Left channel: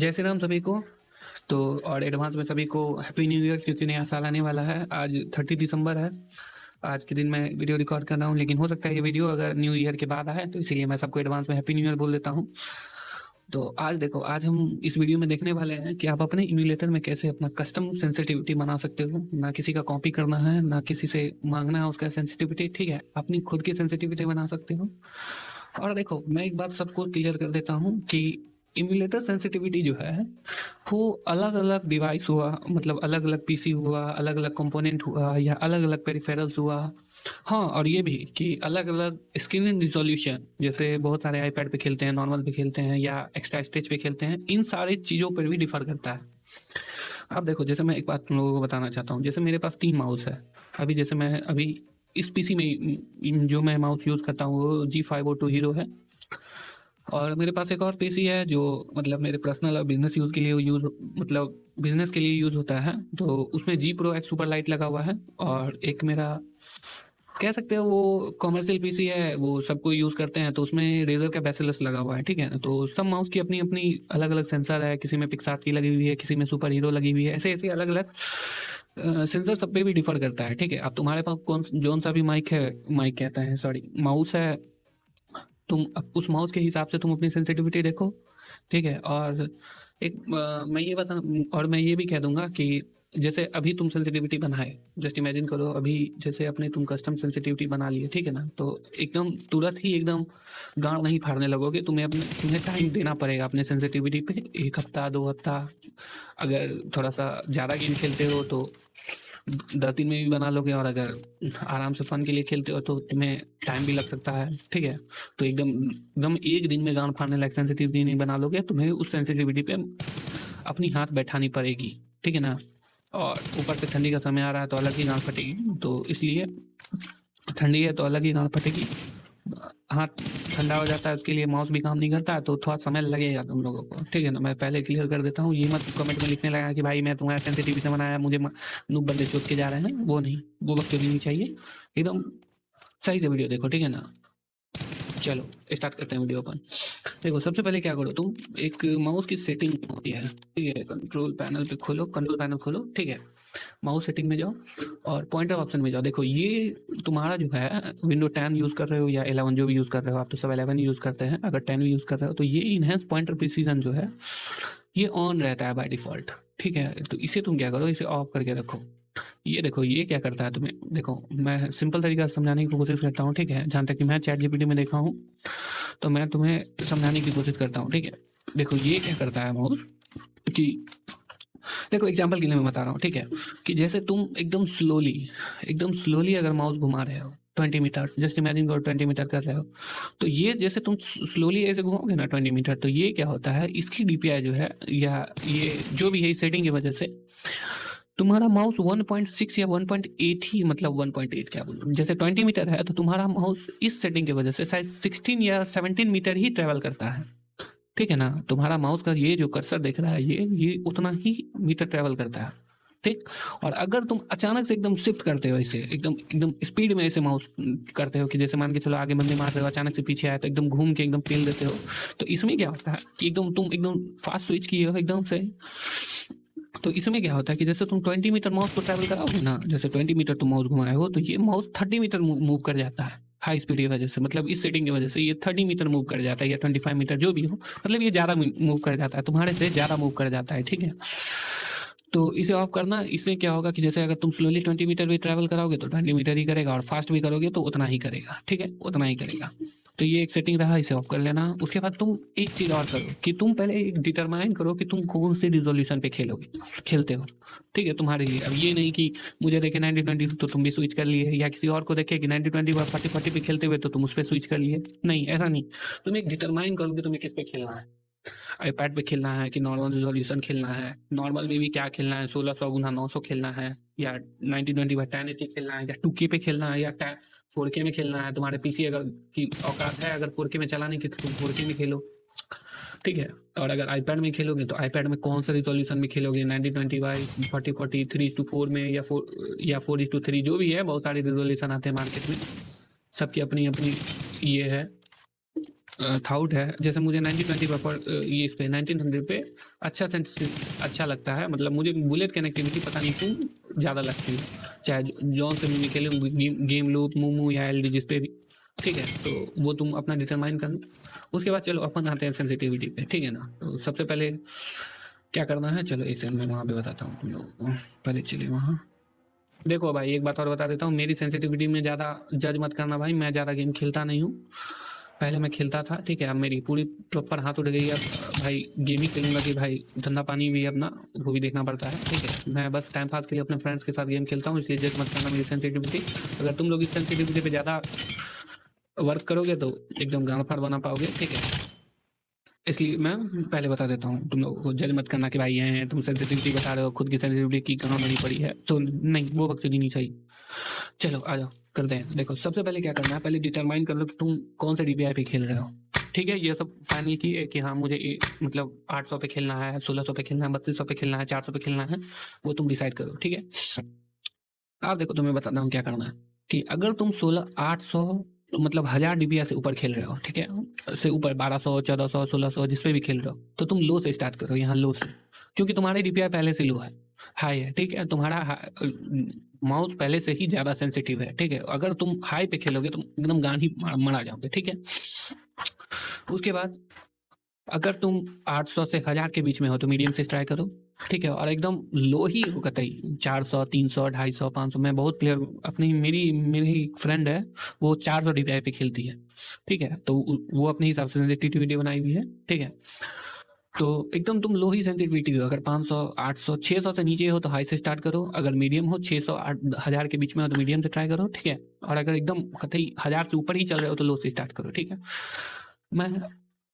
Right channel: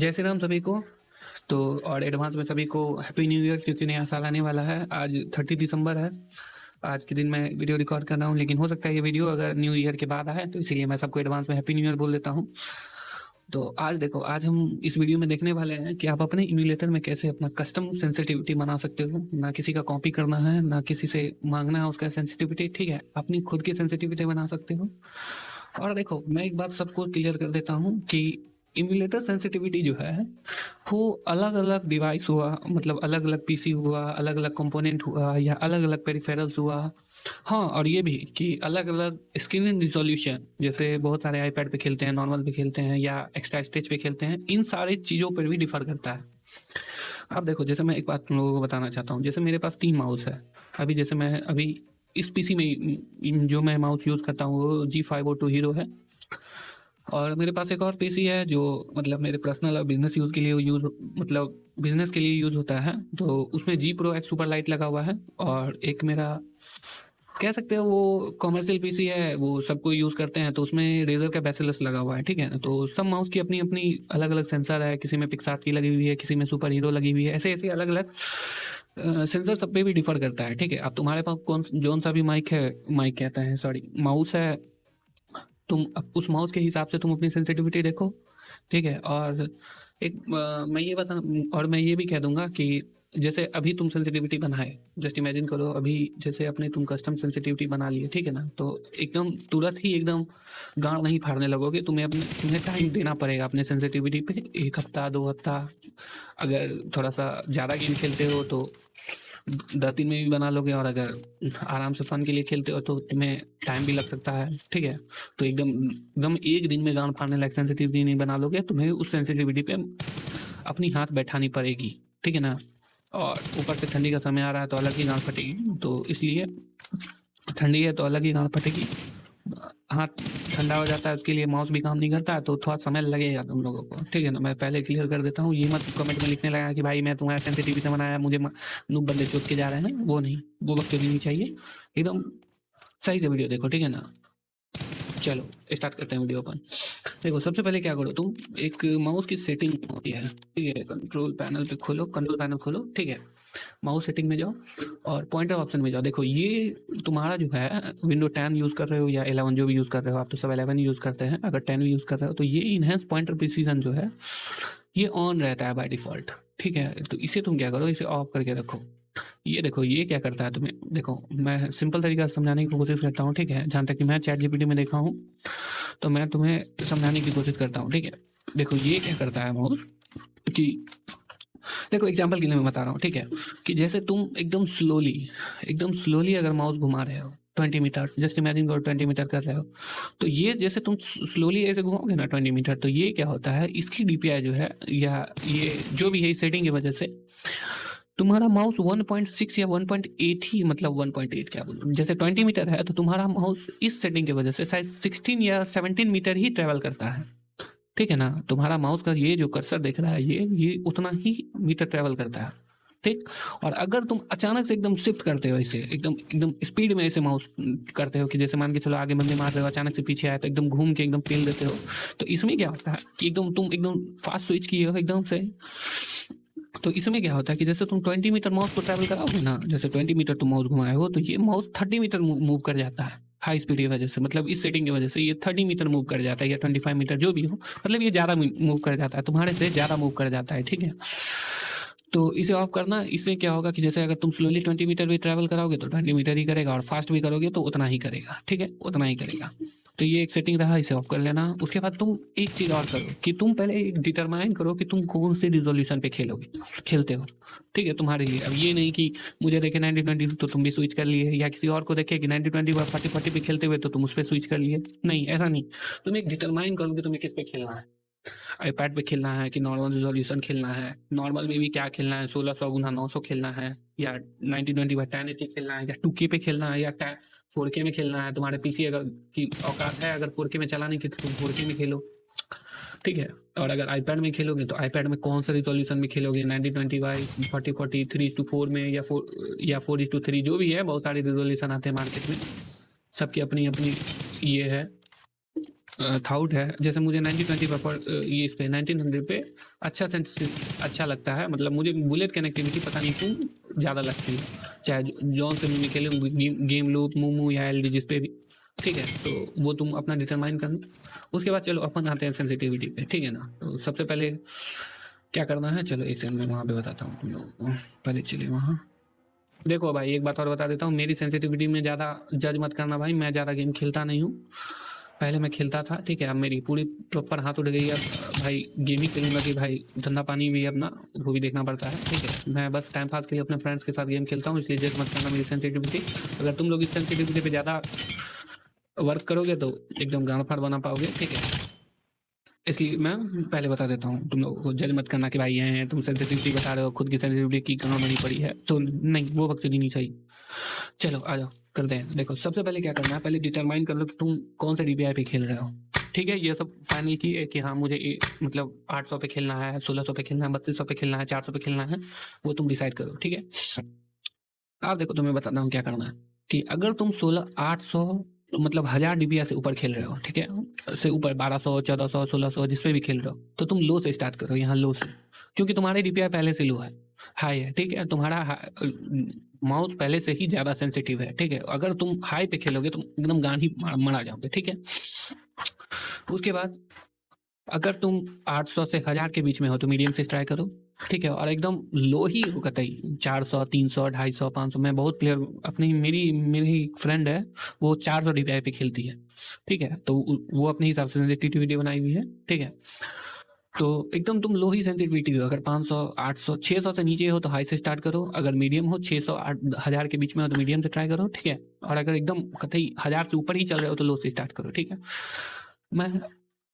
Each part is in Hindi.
जय श्री राम सभी को। तो और एडवांस में सभी को हैप्पी न्यू ईयर, क्योंकि नया साल आने वाला है। आज 30 दिसंबर है। आज के दिन मैं वीडियो रिकॉर्ड कर रहा हूँ, लेकिन हो सकता है ये वीडियो अगर न्यू ईयर के बाद आए, तो इसीलिए मैं सबको एडवांस में हैप्पी न्यू ईयर बोल देता हूँ। तो आज देखो, आज हम इस वीडियो में देखने वाले हैं कि आप अपने इम्यूलेटर में कैसे अपना कस्टम सेंसिटिविटी बना सकते हो। ना किसी का कॉपी करना है, ना किसी से मांगना है उसका सेंसिटिविटी, ठीक है। अपनी खुद की सेंसिटिविटी बना सकते हो। और देखो, मैं एक बात सबको क्लियर कर देता हूँ कि इम्यूलेटर सेंसिटिविटी जो है वो अलग अलग डिवाइस हुआ, मतलब अलग अलग पीसी हुआ, अलग अलग कंपोनेंट हुआ, या अलग अलग पेरिफेरल्स हुआ। हाँ, और ये भी कि अलग अलग स्क्रीन रिजोल्यूशन, जैसे बहुत सारे आईपैड पे खेलते हैं, नॉर्मल पे खेलते हैं, या एक्स्ट्रा स्टेज पे खेलते हैं, इन सारी चीज़ों पर भी डिफर करता है। अब देखो, जैसे मैं एक बात तुम लोगों को बताना चाहता हूँ। जैसे मेरे पास 3 माउस है। अभी जैसे मैं अभी इस पीसी में जो मैं माउस यूज़ करता हूँ वो G502 हीरो है। और मेरे पास एक और पीसी है जो मतलब मेरे पर्सनल और बिजनेस यूज़ के लिए यूज़, मतलब बिजनेस के लिए यूज़ होता है। तो उसमें G Pro X super light लगा हुआ है। और एक मेरा कह सकते हैं वो कॉमर्शियल पीसी है, वो सबको यूज़ करते हैं, तो उसमें रेजर का बेसिलस लगा हुआ है, ठीक है। तो सब माउस की अपनी अपनी अलग अलग सेंसर है। किसी में पिक्सार्ट की लगी हुई है, किसी में सुपर हीरो लगी हुई है, ऐसे ऐसे अलग अलग सेंसर सब पे भी डिफर करता है, ठीक है। अब तुम्हारे पास कौन जोन सा भी माइक है, माइक कहते हैं सॉरी, माउस है, तुम अब उस माउस के हिसाब से तुम अपनी सेंसिटिविटी देखो, ठीक है। और एक मैं ये बता, और मैं ये भी कह दूंगा कि जैसे अभी तुम सेंसिटिविटी बनाए, जस्ट इमेजिन करो अभी जैसे अपने तुम कस्टम सेंसिटिविटी बना लिए, ठीक है ना। तो एकदम तुरंत ही एकदम गाँव नहीं फाड़ने लगोगे। तुम्हें टाइम देना पड़ेगा अपने सेंसिटिविटी पे, 1 हफ्ता 2 हफ्ता। अगर थोड़ा सा ज़्यादा गेम खेलते हो तो 10 दिन में भी बना लोगे, और अगर आराम से फन के लिए खेलते हो तो तुम्हें टाइम भी लग सकता है, ठीक है। तो एकदम एकदम एक दिन में गाँव फाड़ने लायक सेंसिटिविटी नहीं बना लोगे, तुम्हें उस सेंसिटिविटी पे अपनी हाथ बैठानी पड़ेगी, ठीक है ना। और ऊपर से ठंडी का समय आ रहा है तो अलग ही गाँव फटेगी, तो इसलिए ठंडी है तो अलग ही गाँव फटेगी। हाथ ठंडा हो जाता है, उसके लिए माउस भी काम नहीं करता है, तो थोड़ा समय लगेगा तुम लोगों को, ठीक है ना। मैं पहले क्लियर कर देता हूँ, ये मत कमेंट में लिखने लगा कि भाई मैं तुम्हारा सेंसिटिविटी से बनाया, मुझे नूब बंदे सोच के जा रहे हैं ना, वो नहीं, वो वक्त भी नहीं चाहिए। एकदम सही से वीडियो देखो, ठीक है ना। चलो स्टार्ट करते हैं वीडियो पर। देखो, सबसे पहले क्या करो, तुम एक माउस की सेटिंग होती है, ठीक है। कंट्रोल पैनल पे खोलो, कंट्रोल पैनल खोलो, ठीक है। माउस सेटिंग में जाओ और पॉइंटर ऑप्शन में जाओ। देखो, ये तुम्हारा जो है विंडो 10 यूज़ कर रहे हो या 11 जो भी यूज़ कर रहे हो, आप तो सब 11 यूज़ करते हैं। अगर 10 भी यूज़ कर रहे हो तो ये इनहेंस पॉइंटर प्रिसीजन जो है ये ऑन रहता है बाय डिफ़ॉल्ट, ठीक है। तो इसे तुम क्या करो, इसे ऑफ करके रखो। ये देखो, ये क्या करता है तुम्हें, देखो मैं सिंपल तरीका से समझाने की कोशिश करता हूँ, ठीक है। जहाँ तक कि मैं चैट जीपीटी में देखा हूँ, तो मैं तुम्हें समझाने की कोशिश करता हूँ, ठीक है। देखो, ये क्या करता है माउस कि देखो एग्जांपल के लिए मैं बता रहा हूँ, ठीक है। कि जैसे तुम एकदम स्लोली अगर माउस घुमा रहे हो 20 मीटर, जस्ट इमेजिन करो 20 मीटर कर रहे हो, तो ये जैसे तुम स्लोली ऐसे घुमाओगे ना 20 मीटर, तो ये क्या होता है, इसकी डीपीआई जो है, या ये जो भी है सेटिंग की वजह से तुम्हारा माउस 1.6 या 1.8 ही, मतलब 1.8 क्या बोलूं, जैसे 20 मीटर है तो तुम्हारा माउस इस सेटिंग की वजह से शायद 16 या 17 मीटर ही ट्रेवल करता है, ठीक है ना। तुम्हारा माउस का ये जो कर्सर दिख रहा है ये उतना ही मीटर ट्रेवल करता है, ठीक। और अगर तुम अचानक से एकदम शिफ्ट करते हो, इसे एकदम एकदम स्पीड में ऐसे माउस करते हो, कि जैसे मान के चलो आगे बंदे मार रहे हो, अचानक से पीछे आए तो एकदम घूम के एकदम फेल देते हो, तो इसमें क्या होता है कि एकदम तुम एकदम फास्ट स्विच किए हो एकदम से, तो इसमें क्या होता है कि जैसे तुम 20 मीटर माउस में ट्रैवल कराओगे ना, जैसे 20 मीटर तुम माउस घुमाए हो, तो ये माउस 30 मीटर मूव कर जाता है हाई स्पीड की वजह से। मतलब इस सेटिंग की वजह से ये 30 मीटर मूव कर जाता है, या 25 मीटर जो भी हो, मतलब ये ज़्यादा मूव कर जाता है, तुम्हारे से ज़्यादा मूव कर जाता है, ठीक है। तो इसे ऑफ करना, इससे क्या होगा कि जैसे अगर तुम स्लोली 20 मीटर भी ट्रैवल करोगे तो 20 मीटर ही करेगा, और फास्ट भी करोगे तो उतना ही करेगा, ठीक है, उतना ही करेगा। तो ये एक सेटिंग रहा, इसे ऑफ कर लेना। उसके बाद तुम एक चीज़ और करो कि तुम पहले एक डिटरमाइन करो कि तुम कौन से रिजोल्यूशन पे खेलते हो, ठीक है, तुम्हारे लिए। अब ये नहीं कि मुझे देखे 90-20 तो तुम भी स्विच कर लिए, या किसी और को देखे कि 90-20 पर 40-40 पे खेलते हुए तो तुम उस पर स्विच कर लिए, नहीं, ऐसा नहीं। तुम एक डिटरमाइन करो कि तुम्हें किस पे खेलना है, आईपैड में खेलना है कि नॉर्मल रेजोल्यूशन खेलना है, नॉर्मल में भी क्या खेलना है, 1600 x 900 खेलना है, या 90-20 खेलना है, या 2K पे खेलना है, या 4K में खेलना है। तुम्हारा पीसी अगर है, अगर 4K में चलाने की तो 4K में खेलो, ठीक है। और अगर आईपैड में खेलोगे तो आईपैड में कौन सा रेजोल्यूशन में खेलोगे, 90-20 बाई 40-40, 3:4 में, या 4:3, जो भी है, बहुत सारे रेजोल्यूशन आते हैं मार्केट में, सबकी अपनी अपनी ये है, थाउट है, जैसे मुझे 1920 पर ये इस पे 1900 पे अच्छा अच्छा लगता है, मतलब मुझे बुलेट कनेक्टिविटी पता नहीं क्यों ज़्यादा लगती है, चाहे जौन से भी खेले गेम लूप मूमू या एल जिस पे भी, ठीक है। तो वो तुम अपना डिटरमाइन करना। उसके बाद चलो अपन आते हैं सेंसिटिविटी पे, ठीक है ना। तो सबसे पहले क्या करना है, चलो एक सेकंड में वहाँ पे बताता हूँ तुम लोगों को। पहले चलिए वहाँ। देखो भाई एक बात और बता देता हूँ, मेरी सेंसिटिविटी में ज़्यादा जज मत करना भाई, मैं ज़्यादा गेम खेलता नहीं हूँ। पहले मैं खेलता था, ठीक है, अब मेरी पूरी प्रॉपर हाथ उड़ गई है भाई। गेम ही खेलूंगा कि भाई धंधा पानी भी अपना वो भी देखना पड़ता है। मैं बस टाइम पास के लिए अपने फ्रेंड्स के साथ गेम खेलता हूँ, इसलिए जज मत करना मेरी सेंसिटिविटी। अगर तुम लोग इस सेंसिटिविटी पे ज़्यादा वर्क करोगे तो एकदम गाँव फाड़ बना पाओगे, ठीक है। इसलिए मैं पहले बता देता हूँ, तुम लोगों को जज मत करना कि भाई है तुम सेंसिटिविटी के साथ खुद की सेंसिटिविटी की कहाँ खड़ी पड़ी है, तो नहीं, वो बकचोदी नहीं सही। चलो आ जाओ करते हैं। देखो सबसे पहले क्या करना है, पहले डिटरमाइन कर लो कि तुम कौन सा डीपीआई पे खेल रहे हो, ठीक है। ये सब पाने की है कि हाँ मुझे मतलब 800 पे खेलना है, 1600 पे खेलना है, 3200 पे खेलना है, 400 पे खेलना है, वो तुम डिसाइड करो, ठीक है। अब देखो तुम्हें बताता हूँ क्या करना है, कि अगर तुम 800 मतलब 1000 डीपीआई से ऊपर खेल रहे हो, ठीक है, से ऊपर 1200 1400 1600 जिस पे भी खेल रहे हो, तो तुम लो से स्टार्ट करो, यहाँ लो से, क्योंकि तुम्हारी डीपीआई पहले से लो है, हाई, ठीक है। तुम्हारा माउस पहले से ही ज्यादा सेंसिटिव है, ठीक है। अगर तुम हाई पे खेलोगे तो एकदम गांधी मरा जाओगे, ठीक है। उसके बाद अगर तुम 800 से 1000 के बीच में हो तो मीडियम से ट्राई करो, ठीक है। और एकदम लो ही हो कतई 400 300 250 500, मैं बहुत प्लेयर अपनी मेरी मेरी फ्रेंड है, वो 400 डीपीआई पे खेलती है, ठीक है। तो वो अपने हिसाब से सेंसिटिविटी बनाई हुई है, ठीक है। तो एकदम तुम लो ही सेंसिटिविटी हो, अगर 500 800 600 से नीचे हो तो हाई से स्टार्ट करो, अगर मीडियम हो 600 1000 के बीच में हो तो मीडियम से ट्राई करो, ठीक है। और अगर एकदम कतई 1000 से ऊपर ही चल रहे हो तो लो से स्टार्ट करो, ठीक है। मैं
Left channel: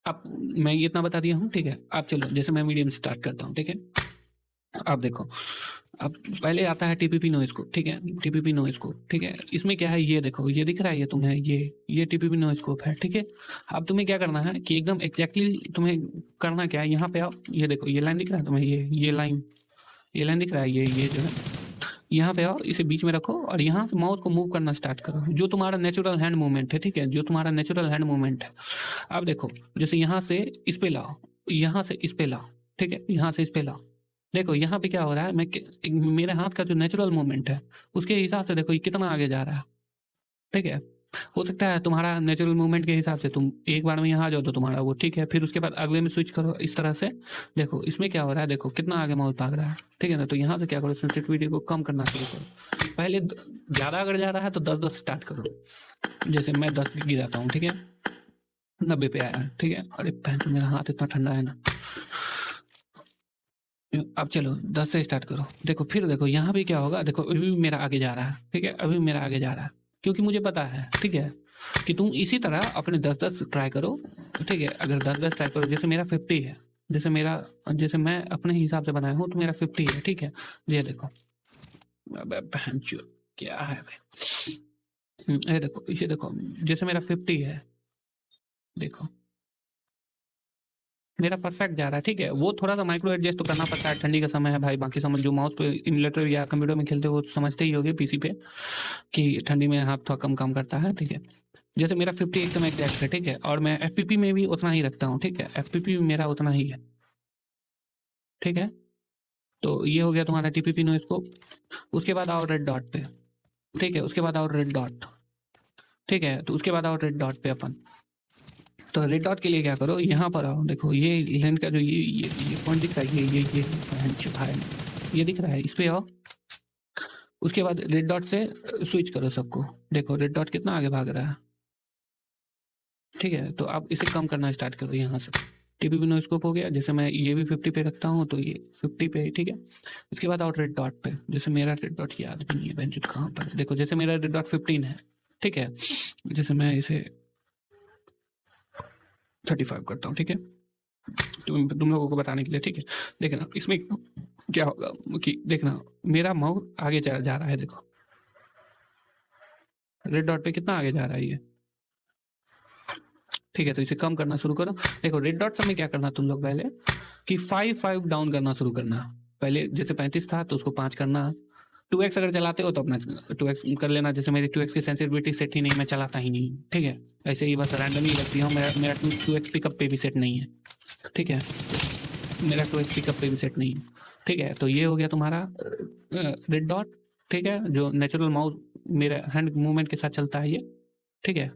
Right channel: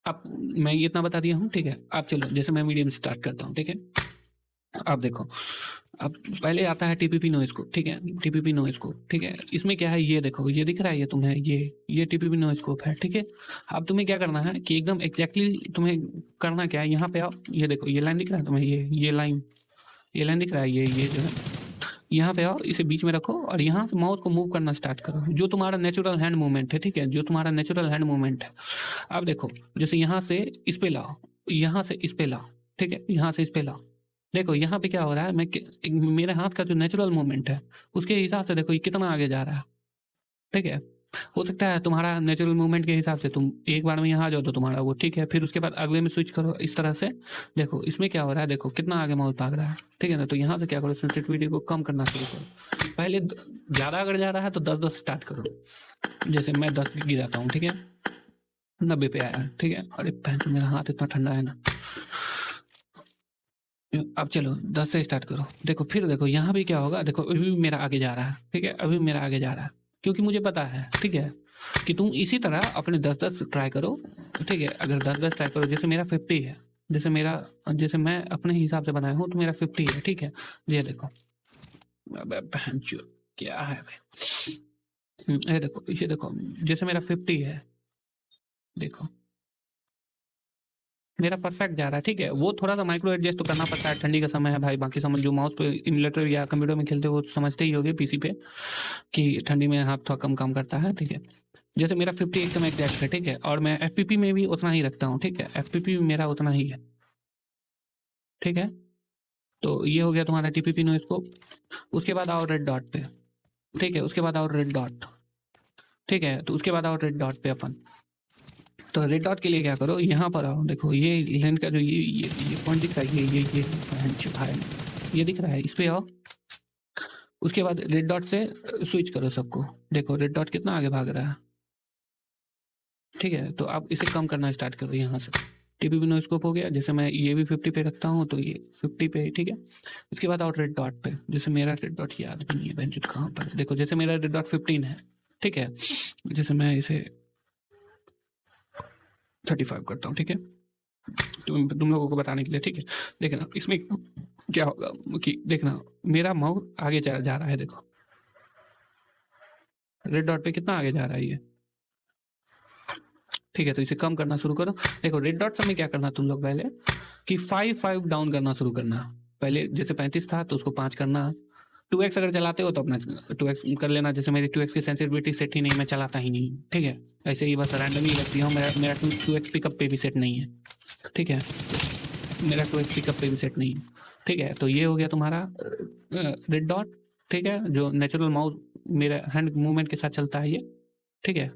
अब मैं ये इतना बता दिया हूँ, ठीक है। अब चलो जैसे मैं मीडियम से स्टार्ट करता हूँ, ठीक है। अब देखो, अब पहले आता है टीपीपी नो स्कोप, ठीक है, टीपीपी नो स्कोप, ठीक है। इसमें क्या है, ये देखो ये दिख रहा है, ये तुम्हें ये टीपीपी नो स्कोप है, ठीक है। अब तुम्हें क्या करना है कि एकदम एग्जैक्टली तुम्हें करना क्या है, यहाँ पे आप ये देखो, ये लाइन दिख रहा है तुम्हें, ये लाइन दिख रहा है, ये यहाँ पे आओ, इसे बीच में रखो और यहाँ से माउस को मूव करना स्टार्ट करो, जो तुम्हारा नेचुरल हैंड मूवमेंट है, ठीक है, जो तुम्हारा नेचुरल हैंड मूवमेंट है। अब देखो जैसे यहाँ से इस पे लाओ, यहाँ से इस पे लाओ, ठीक है, यहाँ से इस पे लाओ। देखो यहाँ पे क्या हो रहा है, मेरे हाथ का जो नेचुरल मूवमेंट है उसके हिसाब से देखो ये कितना आगे जा रहा है, ठीक है। हो सकता है तुम्हारा नेचुरल मूवमेंट के हिसाब से तुम एक बार में यहाँ आ जाओ तो तुम्हारा वो ठीक है, फिर उसके बाद अगले में स्विच करो इस तरह से। देखो इसमें क्या हो रहा है, देखो कितना आगे माउस भाग रहा है, ठीक है ना। तो यहाँ से क्या करो, सेंसिटिविटी को कम करना शुरू करो। पहले ज़्यादा अगर जा रहा है तो 10 स्टार्ट करो, जैसे मैं 10 पे गिराता हूँ, ठीक है, 90 पे आएगा, ठीक है। और एक टाइम से मेरा हाथ इतना ठंडा है ना। अब चलो 10 से स्टार्ट करो। देखो फिर देखो यहाँ भी क्या होगा, देखो अभी भी मेरा आगे जा रहा है, ठीक है, अभी मेरा आगे जा रहा है, क्योंकि मुझे पता है, ठीक है, कि तुम इसी तरह अपने 10 ट्राई करो, ठीक है। 10 ट्राई करो, जैसे मेरा 50 है, जैसे मैं अपने हिसाब से बनाया हूँ तो मेरा 50 है, ठीक है। ये देखो, अबे बहनचोद, क्या है ये देखो, ये देखो, जैसे मेरा 50 है, देखो मेरा परफेक्ट जा रहा है, ठीक है। वो थोड़ा सा माइक्रो एडजस्ट तो करना पड़ता है, ठंडी का समय है भाई, बाकी समझ जो माउस पे इमुलेटर या कंप्यूटर में खेलते हो वो तो समझते ही होगे पीसी पे, कि ठंडी में हाथ थोड़ा कम काम करता है, ठीक है। जैसे मेरा 50 एकदम एग्जैक्ट है, ठीक है, और मैं एफपीपी में भी उतना ही रखता हूँ, ठीक है, एफपीपी मेरा उतना ही है, ठीक है। तो ये हो गया तुम्हारा टीपीपी नो स्कोप। उसके बाद आओ रेड डॉट पे, ठीक है, उसके बाद आओ रेड डॉट, ठीक है। तो उसके बाद आओ रेड डॉट पे अपन, तो रेड डॉट के लिए क्या करो, यहाँ पर आओ, देखो ये लाइन का जो ये पॉइंट दिख रहा है, ये छुपा है, ये दिख रहा है, इस पे आओ। उसके बाद रेड डॉट से स्विच करो सबको, देखो रेड डॉट कितना आगे भाग रहा है, ठीक है। तो आप इसे कम करना स्टार्ट करो यहाँ से, टीपीपी नो स्कोप हो गया। जैसे मैं ये भी 50 पे रखता हूँ तो ये 50 पे, ठीक है। इसके बाद आउट रेड डॉट पे, जैसे मेरा रेड डॉट याद भी नहीं है बेंच कहाँ पर, देखो जैसे मेरा रेड डॉट 15 है, ठीक है, जैसे मैं इसे 35 करता हूँ, ठीक है, तुम लोगों को बताने के लिए, ठीक है। देखना इसमें क्या होगा कि देखना मेरा माउस आगे जा रहा है, देखो रेड डॉट पे कितना आगे जा रहा है ये, ठीक है। तो इसे कम करना शुरू करो। देखो रेड डॉट समय क्या करना तुम लोग पहले, कि 5 डाउन करना शुरू करना है। पहले जैसे 35 था तो उसको 5 करना है। 2x अगर चलाते हो तो अपना 2x कर लेना, जैसे मेरी 2x की सेंसिटिविटी सेट ही नहीं, मैं चलाता ही नहीं, ठीक है। ऐसे ही बस रैंडमली रखते हैं। मेरा 2x पिकअप पे भी सेट नहीं है, ठीक है, मेरा 2x पिकअप पे भी सेट नहीं है, ठीक है। तो ये हो गया तुम्हारा रेड डॉट, ठीक है, जो नेचुरल माउस मेरा हैंड मूवमेंट के साथ चलता है ये, ठीक है।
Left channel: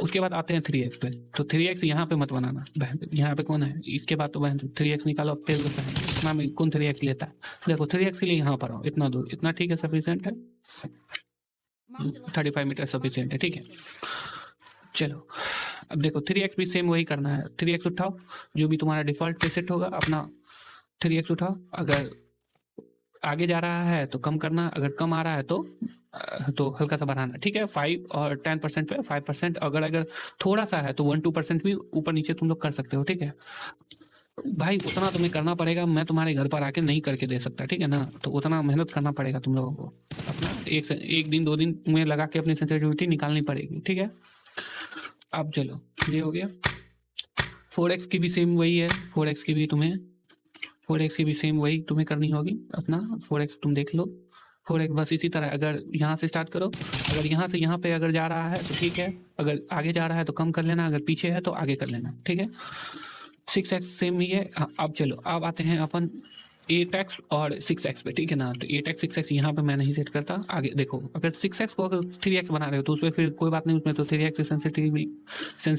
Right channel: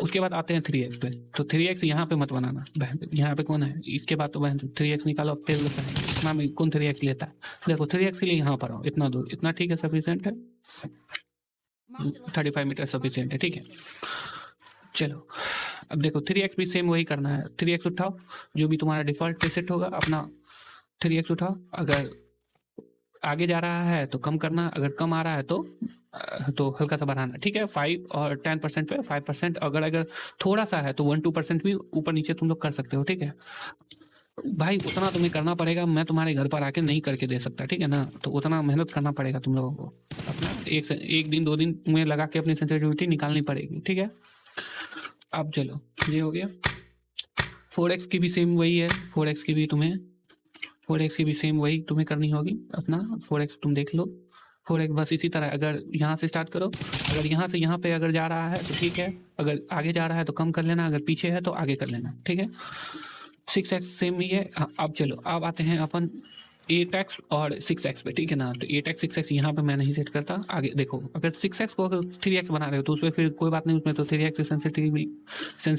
उसके बाद आते हैं 3x पे। तो 3x यहाँ पे मत बनाना, यहाँ पे कौन है, इसके बाद तो 3x निकालो, फिर लेता है इतना में कौन 3x लेता है। देखो 3x के लिए यहाँ पर आओ, इतना दूर, इतना ठीक है, सफिशिएंट है, 35 मीटर सफिशिएंट है, ठीक है। चलो अब देखो 3x भी सेम वही करना है। 3x उठाओ, जो भी तुम्हारा डिफॉल्ट पे सेट होगा अपना 3x उठाओ। अगर आगे जा रहा है तो कम करना, अगर कम आ रहा है तो हल्का सा बनाना, ठीक है। 5 और 10% पे 5%, अगर थोड़ा सा है तो 1-2% भी ऊपर नीचे तुम लोग कर सकते हो, ठीक है भाई। उतना तुम्हें करना पड़ेगा, मैं तुम्हारे घर पर आके नहीं करके दे सकता, ठीक है ना। तो उतना मेहनत करना पड़ेगा तुम लोगों को, अपना एक दिन 2 दिन तुम्हें लगा के अपनी सेंसिटिविटी निकालनी पड़ेगी, ठीक है। अब चलो ये हो गया। 4x की भी सेम वही है, 4x की भी सेम वही तुम्हें करनी होगी अपना। 4x तुम देख लो, 4x बस इसी तरह, अगर यहाँ से स्टार्ट करो, अगर यहाँ से यहाँ पे अगर जा रहा है तो ठीक है, अगर आगे जा रहा है तो कम कर लेना, अगर पीछे है तो आगे कर लेना, ठीक है। 6x सेम ही है। अब चलो अब आते हैं अपन 8x और 6x पे, ठीक है ना। तो 8x 6x यहाँ पे मैं नहीं सेट करता। आगे देखो, अगर 6x को अगर 3x बना रहे हो तो उसमें फिर कोई बात नहीं, उसमें तो 3x सेंसिटिव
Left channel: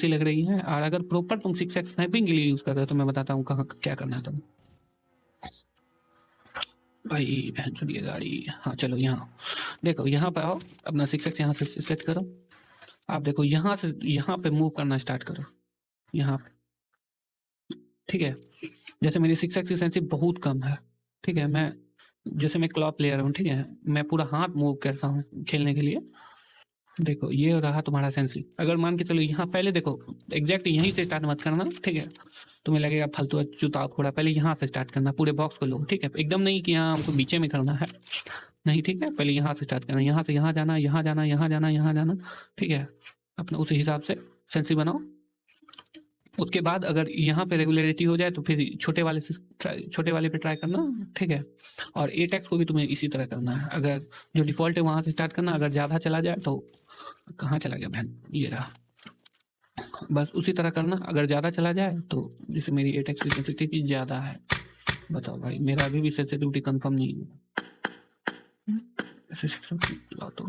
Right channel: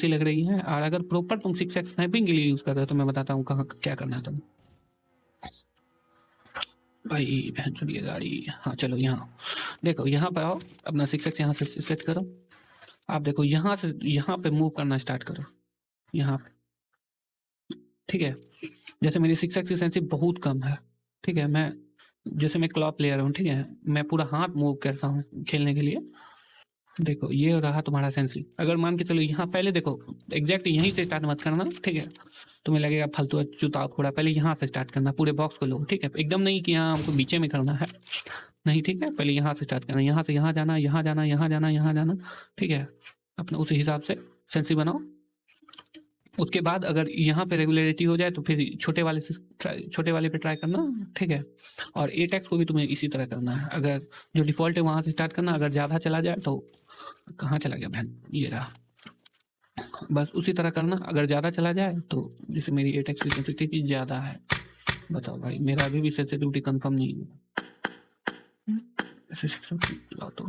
लग रही है। और अगर प्रॉपर तुम 6x स्नैपिंग के लिए यूज कर रहे हो तो मैं बताता हूँ कहाँ क्या करना है। भाई चलिए गाड़ी, चलो यहाँ देखो, यहाँ पर आओ, अपना 6x यहाँ से सेट करो। आप देखो यहाँ से यहाँ पे मूव करना स्टार्ट करो, यहाँ पे, ठीक है। जैसे मेरी 6x की सेंसिटिव बहुत कम है, ठीक है, जैसे मैं क्लॉथ प्लेयर हूँ, ठीक है, मैं पूरा हाथ मूव करता हूँ खेलने के लिए। देखो ये रहा तुम्हारा सेंसिटिव। अगर मान के चलो यहाँ पहले देखो, एग्जैक्ट यहीं से स्टार्ट मत करना, ठीक है। तुम्हें लगेगा फालतू जूता थोड़ा, पहले यहाँ से स्टार्ट करना, पूरे बॉक्स को लो, ठीक है। एकदम नहीं कि यहाँ हमको बीचे में करना है, नहीं, ठीक है। पहले यहाँ से स्टार्ट करना, यहाँ से यहाँ जाना, यहाँ जाना, यहाँ जाना, यहाँ जाना, ठीक है। अपने उसी हिसाब से सेंसिटिव बनाओ। उसके बाद अगर यहाँ पे रेगुलरिटी हो जाए तो फिर छोटे वाले पे ट्राई करना, ठीक है। और 8x को भी तुम्हें इसी तरह करना है। अगर जो डिफॉल्ट है वहाँ से स्टार्ट करना, अगर ज़्यादा चला जाए तो कहाँ चला गया बहन, ये रहा, बस उसी तरह करना। अगर ज़्यादा चला जाए तो, जैसे मेरी 8x की सेंसिटिविटी ज़्यादा है, बताओ भाई, मेरा अभी भी सेंसिटिविटी कंफर्म नहीं है, तो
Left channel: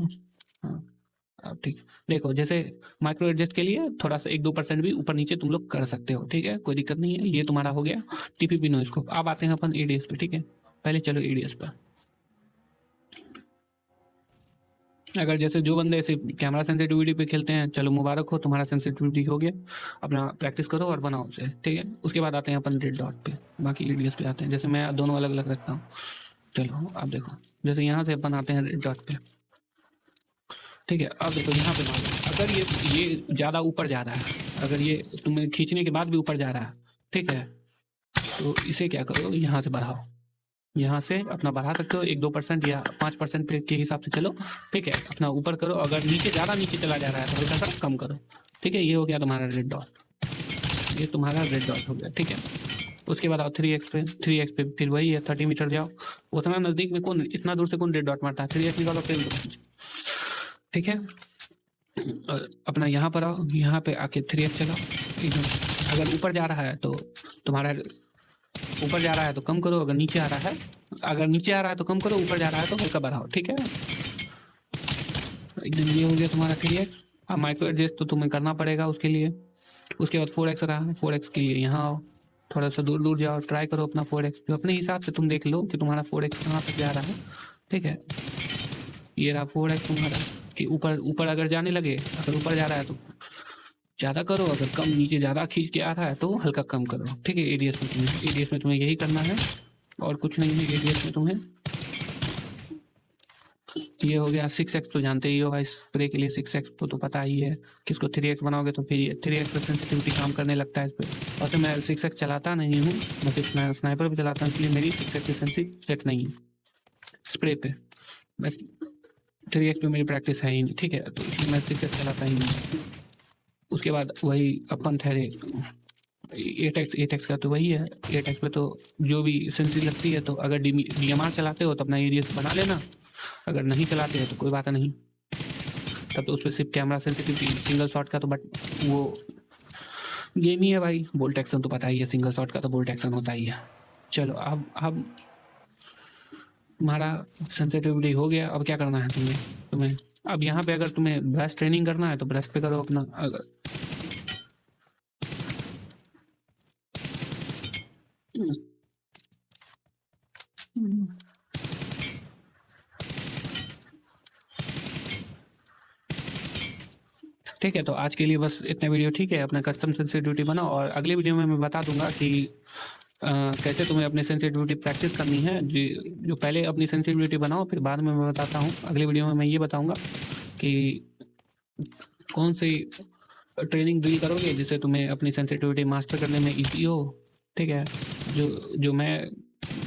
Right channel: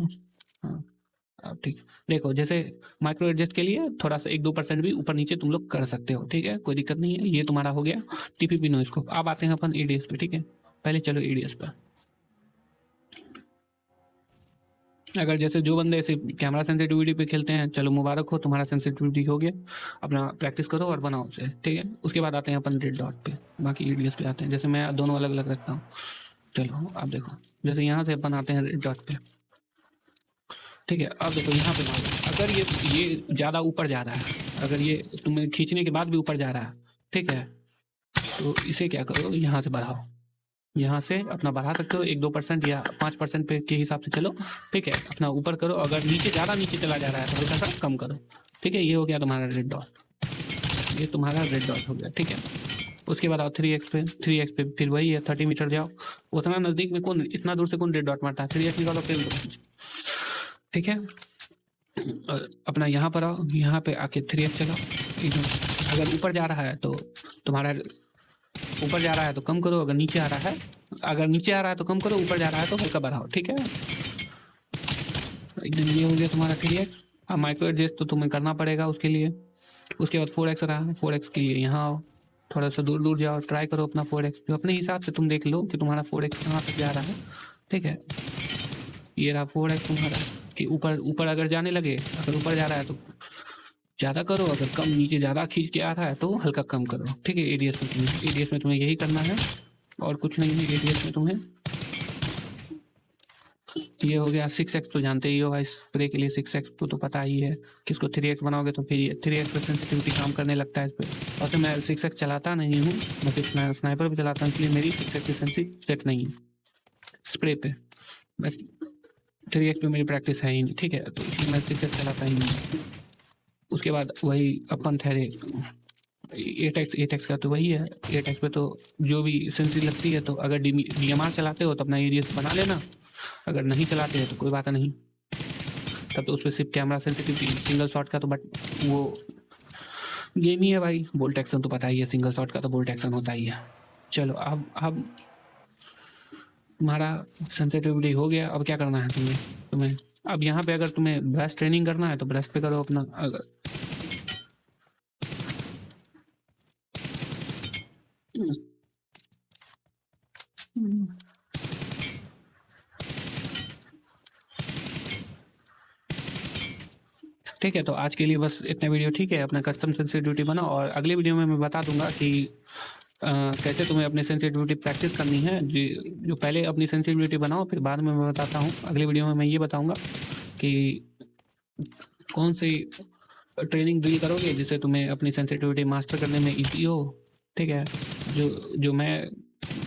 हाँ ठीक। देखो जैसे माइक्रो एडजस्ट के लिए थोड़ा सा 1-2% भी ऊपर नीचे तुम लोग कर सकते हो, ठीक है, कोई दिक्कत नहीं है। ये तुम्हारा हो गया टीपीपी नॉइज को। अब आते हैं अपन एडीएस पे, ठीक है। पहले चलो एडीएस पे। अगर जैसे जो बंदे ऐसे कैमरा सेंसिटिविटी पे खेलते हैं, चलो मुबारक हो, तुम्हारा सेंसिटिविटी हो गया। अपना प्रैक्टिस करो और बनाओ उसे, ठीक है। उसके बाद आते हैं अपन रेड डॉट पे, बाकी एडीएस पे आते हैं। जैसे मैं दोनों अलग अलग रखता हूँ, चलो आप देखो, जैसे यहाँ से अपन आते हैं रेड डॉट पे, ठीक है। अब देखो यहाँ पे अगर ये ज़्यादा ऊपर जा रहा है, अगर ये तुम्हें खींचने के बाद भी ऊपर जा रहा है, ठीक है, तो इसे क्या करो, यहाँ से बढ़ाओ, यहाँ से अपना बढ़ा सकते हो 1-2% या 5% के हिसाब से चलो, ठीक है। अपना ऊपर करो, अगर नीचे ज़्यादा नीचे चला जा रहा है तो हल्का सा कम करो, ठीक है। ये हो गया तुम्हारा रेड डॉट, ये तुम्हारा रेड डॉट हो गया, ठीक है। उसके बाद आओ 3x पे फिर वही है, 30 मीटर जाओ। उतना नज़दीक में कौन, इतना दूर से कौन रेड डॉट मारता है, 3x निकालो फिर, ठीक है। अपना यहाँ पर आओ, यहाँ पे आके 3x लगा, ठीक है। अगर ऊपर जा रहा है तो तुम्हारा ऊपर जा रहा है तो कम करो, अगर नीचे आ रहा है तो कम करो, ऊपर जा रहा है तो हल्का बढ़ाओ, ठीक है। एकदम ये हो गया तुम्हारा 3x। अब माइक्रो एडजस्ट तो तुम्हें करना पड़ेगा उसके लिए। उसके बाद 4x रहा है, 4x के लिए यहाँ आओ, थोड़ा सा दूर दूर जाओ, ट्राई करो अपना 4x। तो अपने हिसाब से तुम देख लो कि तुम्हारा 4x कहाँ तक जा रहा है, ठीक है। ये रहा 4x तुम्हारा। ऊपर अगर जाने लगे, अगर ऊपर जा रहा है तो ज़्यादा करो, अगर कम नीचे ज़्यादा खींच के आ रहा है तो हल्का कम करो, ठीक है। एडीएस में तुम्हें यही करना है और कुछ नहीं है एडीएस में तुम्हें। ये हो गया 6x, तो जानते ही हो भाई, स्प्रे के लिए 6x को तो पता ही है। किसको 3x बनाओगे तो फिर 3x पे काम करने लगता है इस पर। और तो मैं 6x चलाता नहीं हूँ, मैं स्नाइपर भी चलाता हूँ, इसलिए मेरी 6x सेट नहीं है स्प्रे पे। बस 3x पे मेरी प्रैक्टिस है ही नहीं, ठीक है, तो मैं 6x चलाता ही नहीं। उसके बाद वही अपन ठहरे 8x का तो वही है। 8x पे तो जो भी सेंसिटिव लगती है, तो अगर DMR चलाते हो तो अपना एरिया बना लेना, अगर नहीं चलाते हैं तो कोई बात नहीं। तब तो उस पर सिर्फ कैमरा सेंसिटिविटी है, सिंगल शॉट का तो बट वो गेम ही है भाई, बोल्ट एक्शन तो पता ही है, सिंगल शॉट का तो बोल्ट एक्शन होता ही है। चलो अब तुम्हारा सेंसिटिविटी हो गया, अब क्या करना है तुम्हें अब यहाँ पे अगर तुम्हें ब्रश ट्रेनिंग करना है तो ब्रश पे करो अपना। अगर ठीक है, तो आज के लिए बस इतने वीडियो ठीक है। अपना कस्टम सेंसिटिविटी बनाओ और अगली वीडियो में मैं बता दूंगा कि कैसे तुम्हें अपनी सेंसिटिविटी प्रैक्टिस करनी है। जो पहले अपनी सेंसिटिविटी बनाओ, फिर बाद में मैं बताता हूँ। अगली वीडियो में मैं ये बताऊंगा कि कौन सी ट्रेनिंग ड्रिल करोगे जिससे तुम्हें अपनी सेंसिटिविटी मास्टर करने में ईजी हो। ठीक है, जो मैं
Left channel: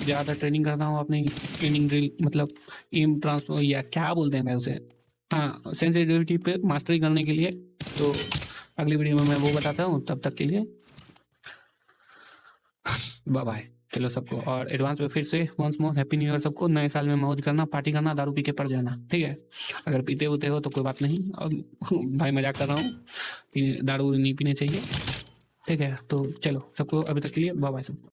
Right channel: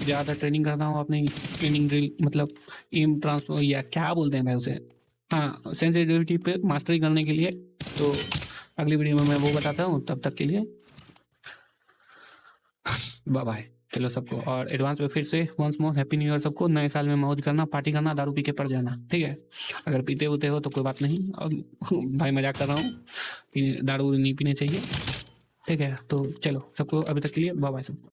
ज़्यादा ट्रेनिंग करता हूँ अपनी ट्रेनिंग ड्रिल मतलब एम ट्रांसफर या क्या बोलते हैं मैं उसे, हाँ, सेंसिटिविटी पे मास्टरी करने के लिए। तो अगली वीडियो में मैं वो बताता हूँ। तब तक के लिए बाय बाय। चलो सबको और एडवांस में फिर से once more happy new year सबको। नए साल में मौज करना, पार्टी करना, दारू पी के पड़ जाना। ठीक है, अगर पीते होते हो तो कोई बात नहीं, और भाई मजाक कर रहा हूँ कि दारू नहीं पीने चाहिए। ठीक है, तो चलो सबको अभी तक के लिए बाय बाय सबको।